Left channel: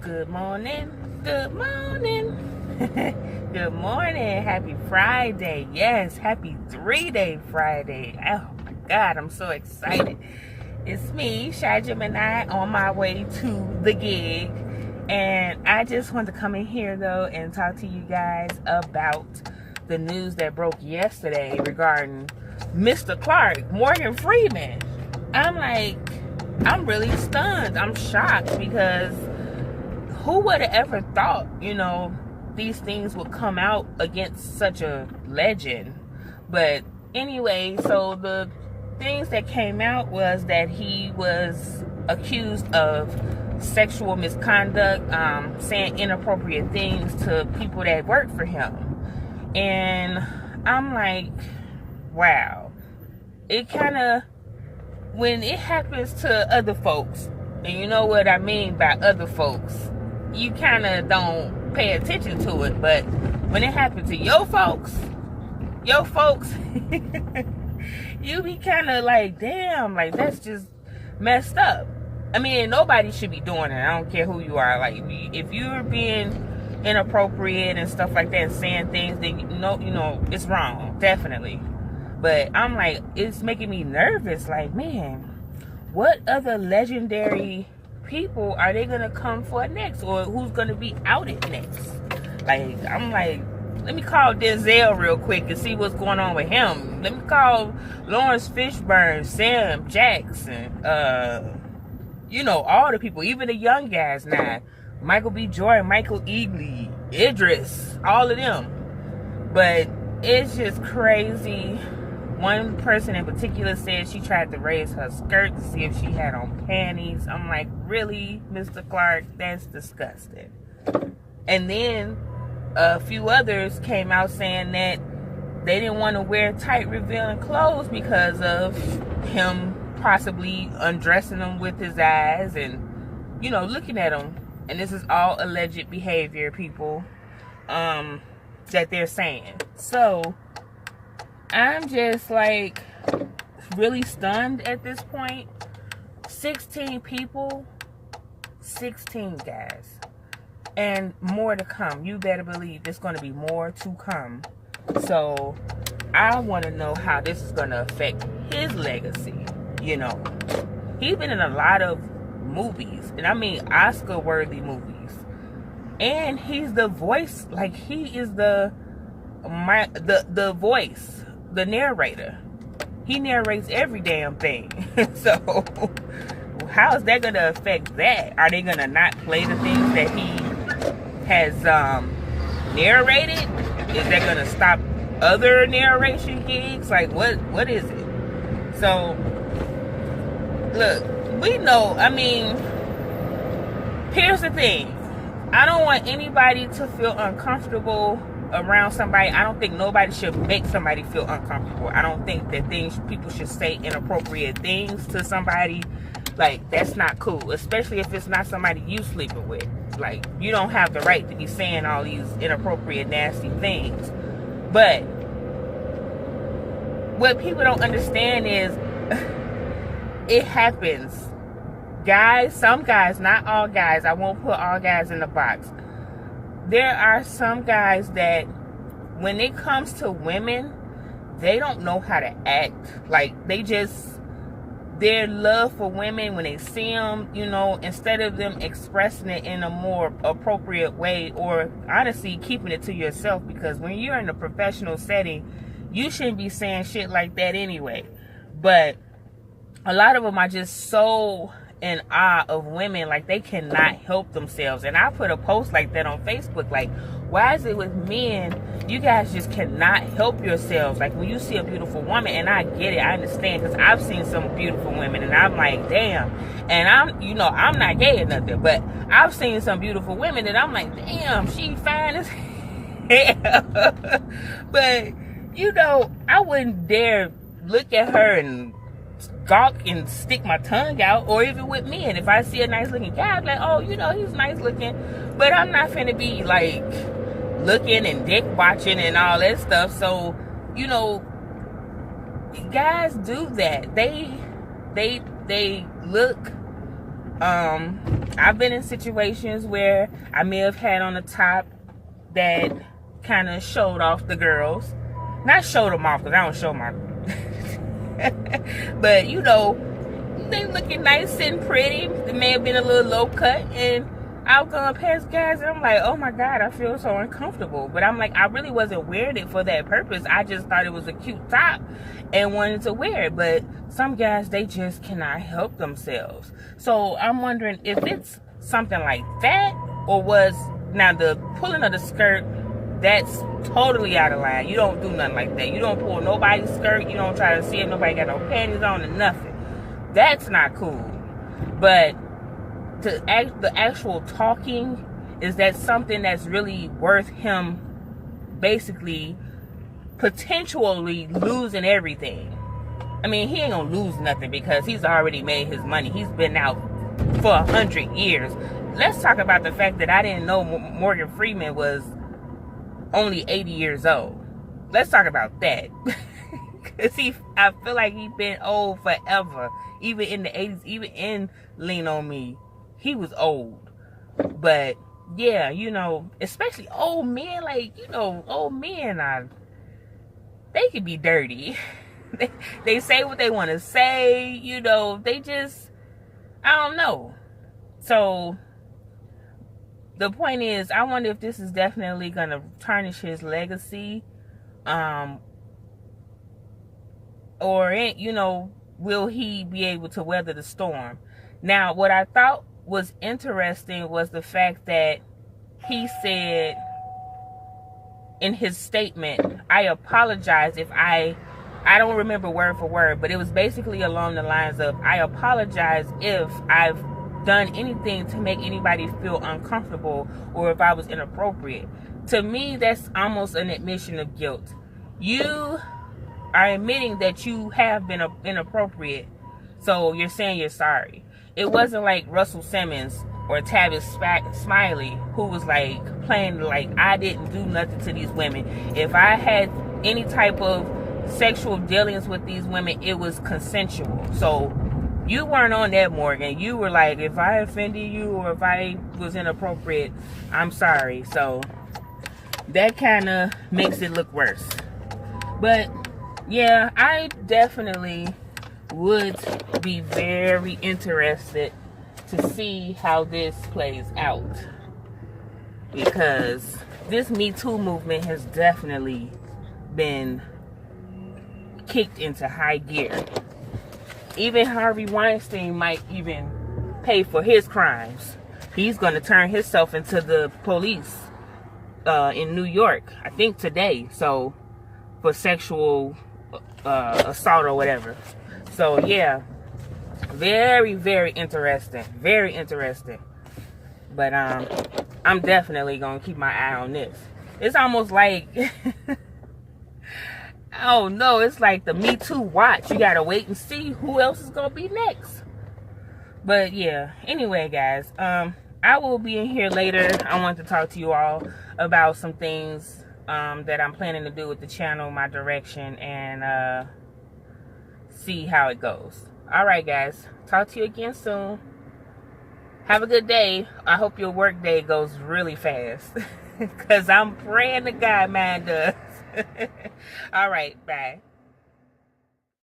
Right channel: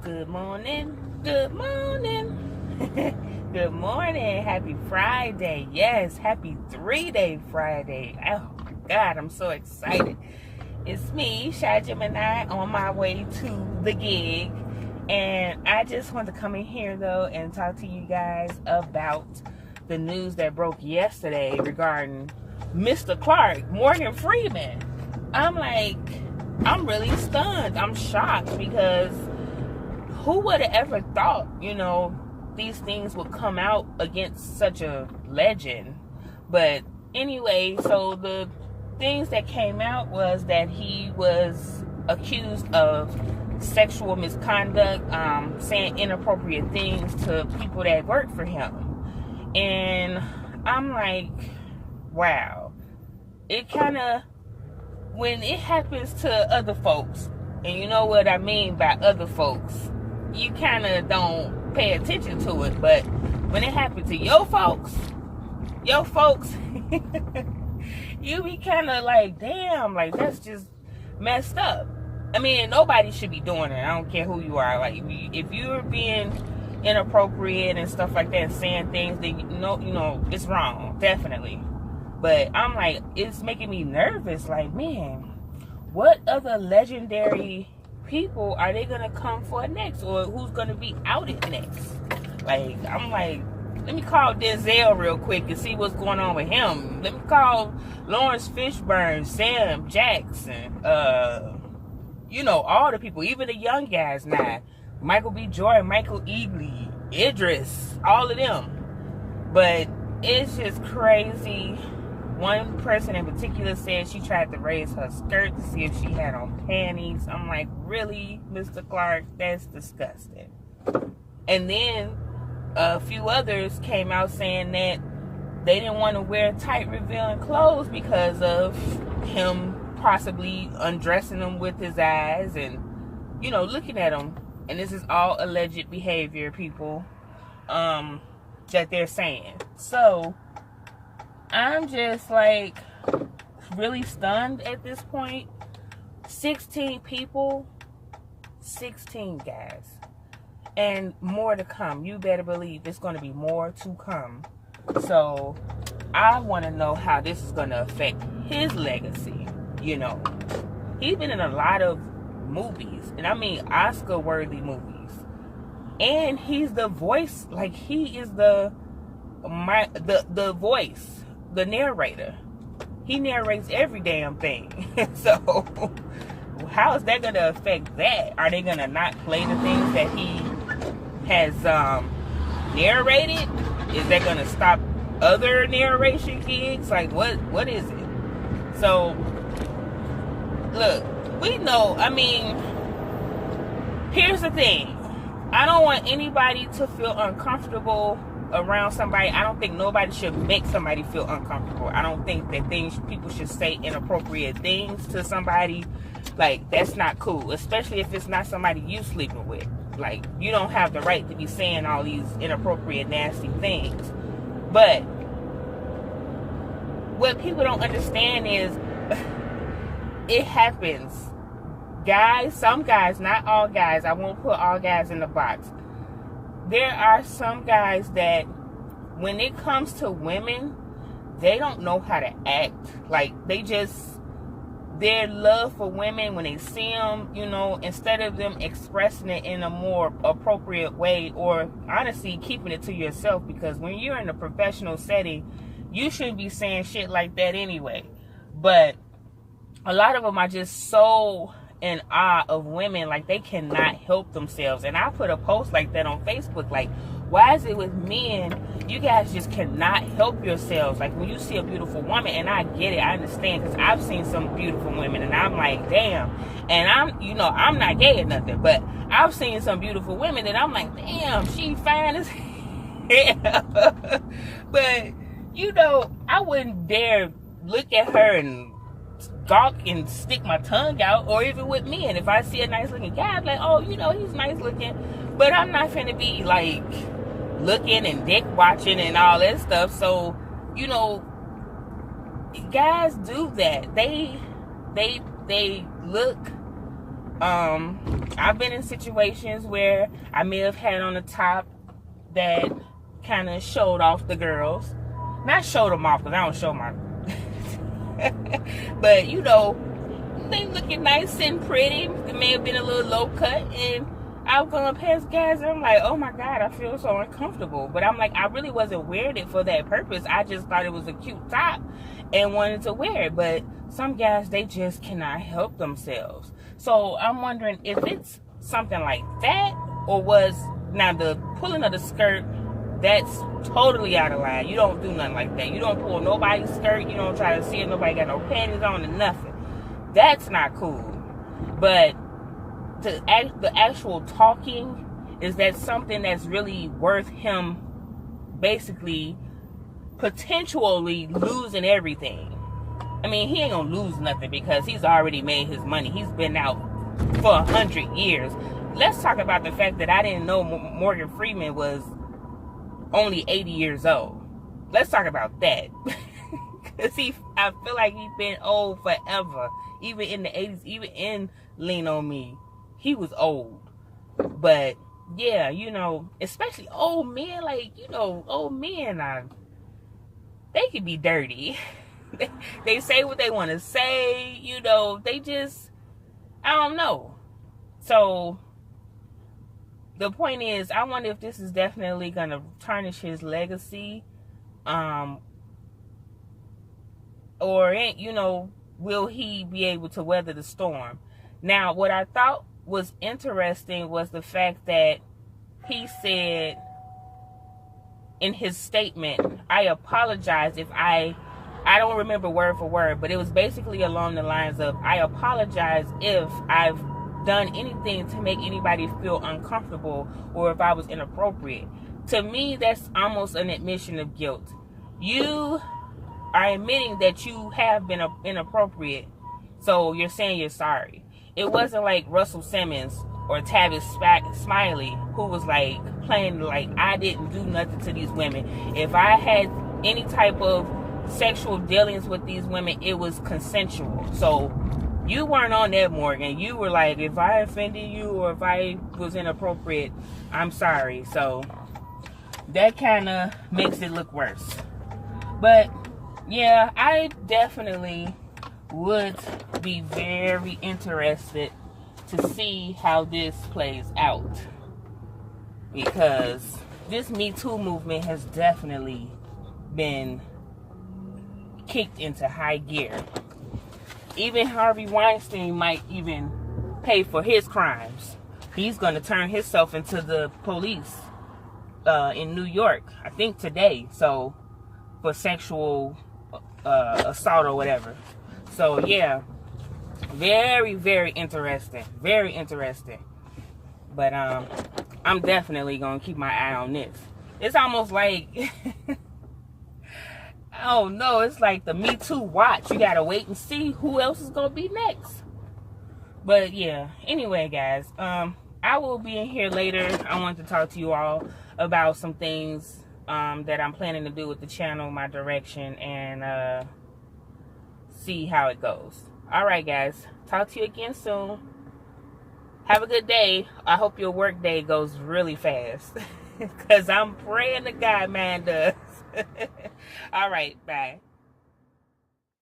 Good morning. Good morning. Good morning. Happy Friday. Yes, happy 3-day Friday. Oh my God, I'm so excited. It's me, Shy Gemini, on my way to the gig. And I just want to come in here though and talk to you guys about the news that broke yesterday regarding Mr. Clark, Morgan Freeman. I'm really stunned. I'm shocked because who would have ever thought, these things would come out against such a legend? But anyway, so the things that came out was that he was accused of sexual misconduct, saying inappropriate things to people that work for him. And I'm like, wow. It kind of, when it happens to other folks, and you know what I mean by other folks, you kind of don't pay attention to it. But when it happens to your folks, you be kind of like, damn, like that's just messed up. I mean, nobody should be doing it. I don't care who you are. Like, if you're being inappropriate and stuff like that and saying things that it's wrong, definitely. But I'm like, it's making me nervous. Like, man, what other legendary people are they gonna come for next, or who's gonna be outed next? Like, I'm like, let me call Denzel real quick and see what's going on with him. Let me call Lawrence Fishburne, Sam Jackson, all the people, even the young guys now, Michael B. Jordan, Michael Eagley, Idris, all of them. But it's just crazy. One person in particular said she tried to raise her skirt to see if she had on panties. I'm like, really, Mr. Clark? That's disgusting. And then a few others came out saying that they didn't want to wear tight, revealing clothes because of him possibly undressing them with his eyes and, looking at them. And this is all alleged behavior, people, that they're saying. So I'm just like really stunned at this point. 16 people, 16 guys, and more to come. You better believe there's going to be more to come. So I want to know how this is going to affect his legacy. He's been in a lot of movies, and I mean Oscar-worthy movies, and he's the voice. Like, he is the voice, the narrator. He narrates every damn thing. So how is that going to affect that? Are they going to not play the things that he has narrated? Is that going to stop other narration gigs? Like, what is it? So look, we know, I mean, here's the thing. I don't want anybody to feel uncomfortable around somebody. I don't think nobody should make somebody feel uncomfortable. I don't think that people should say inappropriate things to somebody. Like, that's not cool, especially if it's not somebody you sleeping with. Like, you don't have the right to be saying all these inappropriate, nasty things. But what people don't understand is it happens. Guys, some guys, not all guys. I won't put all guys in the box. There are some guys that when it comes to women, they don't know how to act. Like, their love for women, when they see them, instead of them expressing it in a more appropriate way, or honestly keeping it to yourself, because when you're in a professional setting, you shouldn't be saying shit like that anyway. But a lot of them are just so in awe of women, like they cannot help themselves. And I put a post like that on Facebook, like, why is it with men, you guys just cannot help yourselves? Like, when you see a beautiful woman, and I get it, I understand, because I've seen some beautiful women, and I'm like, damn. And I'm not gay or nothing, but I've seen some beautiful women that I'm like, damn, she fine as hell. But, I wouldn't dare look at her and gawk and stick my tongue out. Or even with men, if I see a nice looking guy, I'm like, oh, he's nice looking. But I'm not finna be like looking and dick watching and all that stuff. So, guys do that. They look I've been in situations where I may have had on the top that kind of showed off the girls. Not showed them off, because I don't show my... But, you know, they looking nice and pretty. It may have been a little low cut, and I've gone past guys and I'm like, oh my God, I feel so uncomfortable. But I'm like, I really wasn't wearing it for that purpose. I just thought it was a cute top and wanted to wear it. But some guys, they just cannot help themselves. So I'm wondering if it's something like that, or was, now the pulling of the skirt, that's totally out of line. You don't do nothing like that. You don't pull nobody's skirt. You don't try to see if nobody got no panties on or nothing. That's not cool. But the actual talking, is that something that's really worth him basically potentially losing everything? I mean, he ain't gonna lose nothing because he's already made his money. He's been out for 100 years. Let's talk about the fact that I didn't know Morgan Freeman was only 80 years old. Let's talk about that. Because I feel like he's been old forever. Even in the 80s, even in Lean On Me, he was old. But yeah, you know, especially old men, like, you know, old men they can be dirty. They say what they want to say, you know, they just, I don't know. So the point is, I wonder if this is definitely going to tarnish his legacy. Or, you know, will he be able to weather the storm? Now, what I thought was interesting was the fact that he said in his statement, I apologize if I don't remember word for word, but it was basically along the lines of, I apologize if I've done anything to make anybody feel uncomfortable or if I was inappropriate. To me, that's almost an admission of guilt. You are admitting that you have been inappropriate, so you're saying you're sorry. It wasn't like Russell Simmons or Tavis Smiley, who was like playing like, I didn't do nothing to these women. If I had any type of sexual dealings with these women, it was consensual. So you weren't on that, Morgan. You were like, if I offended you or if I was inappropriate, I'm sorry. So that kind of makes it look worse. But yeah, I definitely would be very interested to see how this plays out, because this Me Too movement has definitely been kicked into high gear. Even Harvey Weinstein might even pay for his crimes. He's going to turn himself into the police in New York, I think today, so for sexual assault or whatever. So yeah, very, very interesting. Very interesting. But I'm definitely going to keep my eye on this. It's almost like oh no, it's like the Me Too watch. You gotta wait and see who else is gonna be next. But yeah, anyway guys, I will be in here later. I want to talk to you all about some things that I'm planning to do with the channel, my direction, and see how it goes. Alright guys, talk to you again soon. Have a good day. I hope your work day goes really fast, because I'm praying to God mine does. All right, bye.